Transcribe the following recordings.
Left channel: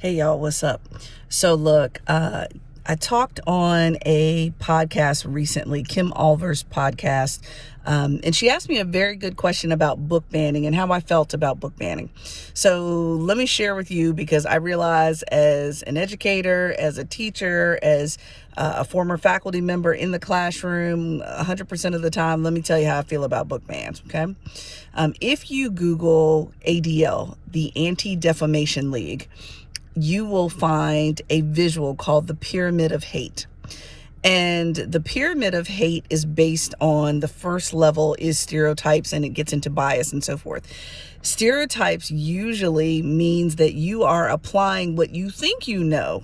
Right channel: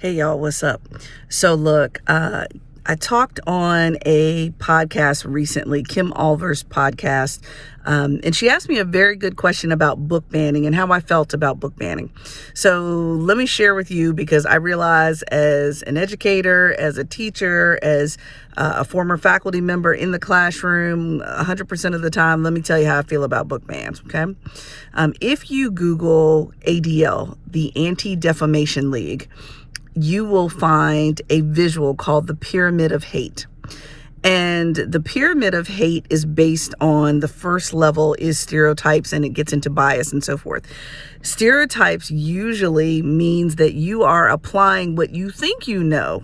Hey y'all, what's up? So look, I talked on a podcast recently, Kim Olver's podcast, and she asked me a very good question about book banning and how I felt about book banning. So let me share with you, because I realize as an educator, as a teacher, as a former faculty member in the classroom, 100% of the time, let me tell you how I feel about book bans, okay? If you Google ADL, the Anti-Defamation League, you will find a visual called the Pyramid of Hate. And the Pyramid of Hate is based on the first level is stereotypes, and it gets into bias and so forth. Stereotypes usually means that you are applying what you think you know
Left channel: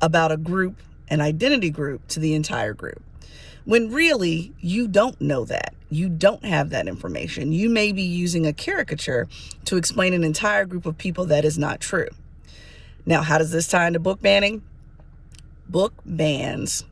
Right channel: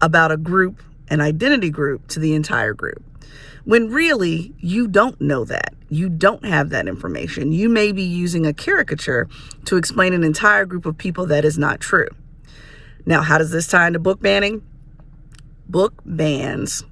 about a group, an identity group, to the entire group, when really you don't know that. You don't have that information. You may be using a caricature to explain an entire group of people that is not true. Now, how does this tie into book banning? Book bans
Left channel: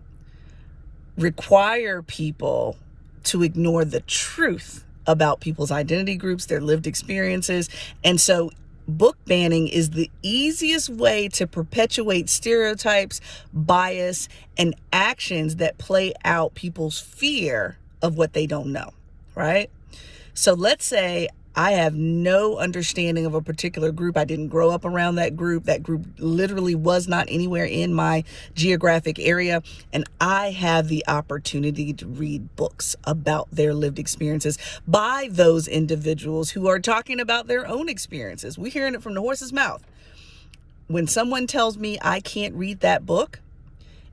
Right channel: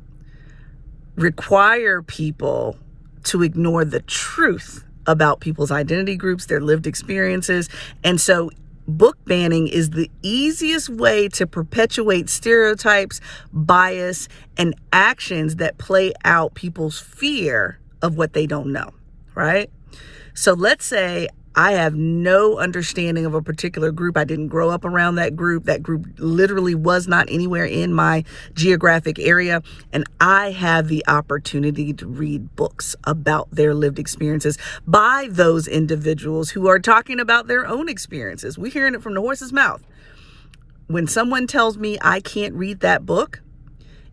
require people to ignore the truth about people's identity groups, their lived experiences. And so book banning is the easiest way to perpetuate stereotypes, bias, and actions that play out people's fear of what they don't know, right? So let's say I have no understanding of a particular group. I didn't grow up around that group. That group literally was not anywhere in my geographic area. And I have the opportunity to read books about their lived experiences by those individuals who are talking about their own experiences. We're hearing it from the horse's mouth. When someone tells me I can't read that book,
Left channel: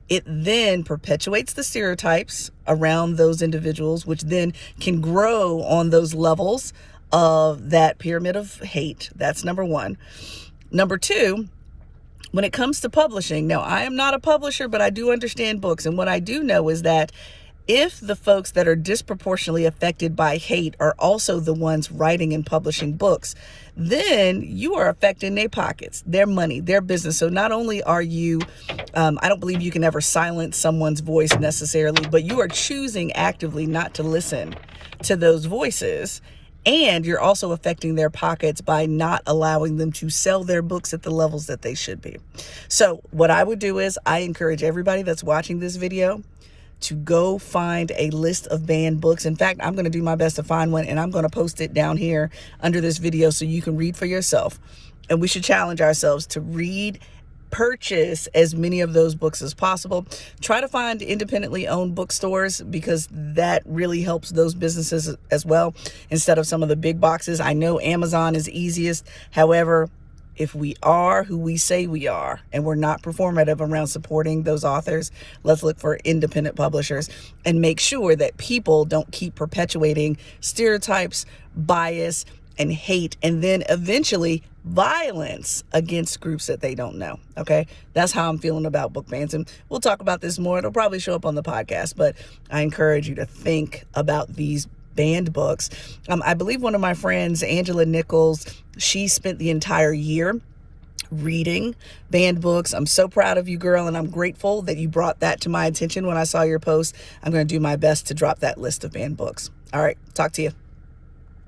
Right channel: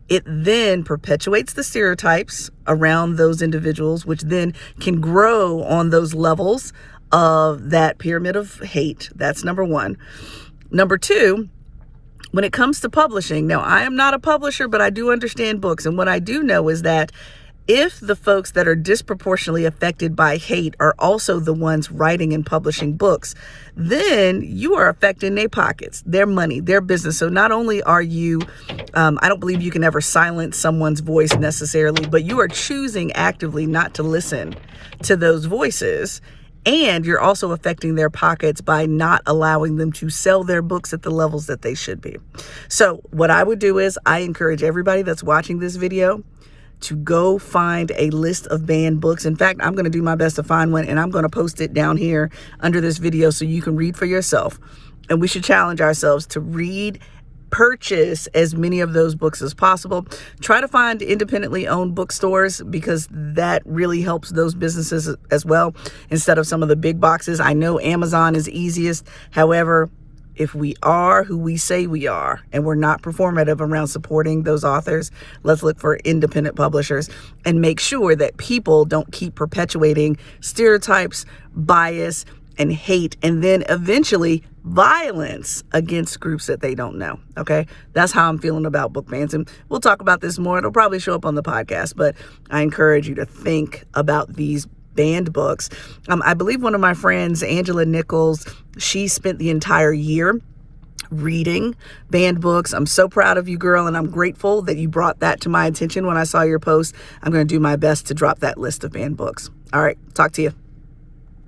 it then perpetuates the stereotypes around those individuals, which then can grow on those levels of that pyramid of hate. That's number one. Number two, when it comes to publishing, now I am not a publisher, but I do understand books. And what I do know is that if the folks that are disproportionately affected by hate are also the ones writing and publishing books, then you are affecting their pockets, their money, their business. So not only are you, I don't believe you can ever silence someone's voice necessarily, but you are choosing actively not to listen to those voices. And you're also affecting their pockets by not allowing them to sell their books at the levels that they should be. So what I would do is I encourage everybody that's watching this video to go find a list of banned books. In fact, I'm going to do my best to find one, and I'm going to post it down here under this video so you can read for yourself. And we should challenge ourselves to purchase as many of those books as possible. Try to find independently owned bookstores, because that really helps those businesses as well, instead of some of the big boxes. I know Amazon is easiest. However, if we are who we say we are, and we're not performative around supporting those authors, let's look for independent publishers and make sure that people don't keep perpetuating stereotypes, bias, and hate, and then eventually violence against groups that they don't know. Okay, that's how I'm feeling about book bans, and we'll talk about this more. It'll probably show up on the podcast, but I encourage you to think about these banned books. I believe one of my friends, Angela Nichols, she spent the entire year reading banned books. I'm so proud of you, girl, and I'm grateful that you brought that to my attention when I saw your post. I'm going to do my best to drop that list of banned books. All right, talk to you.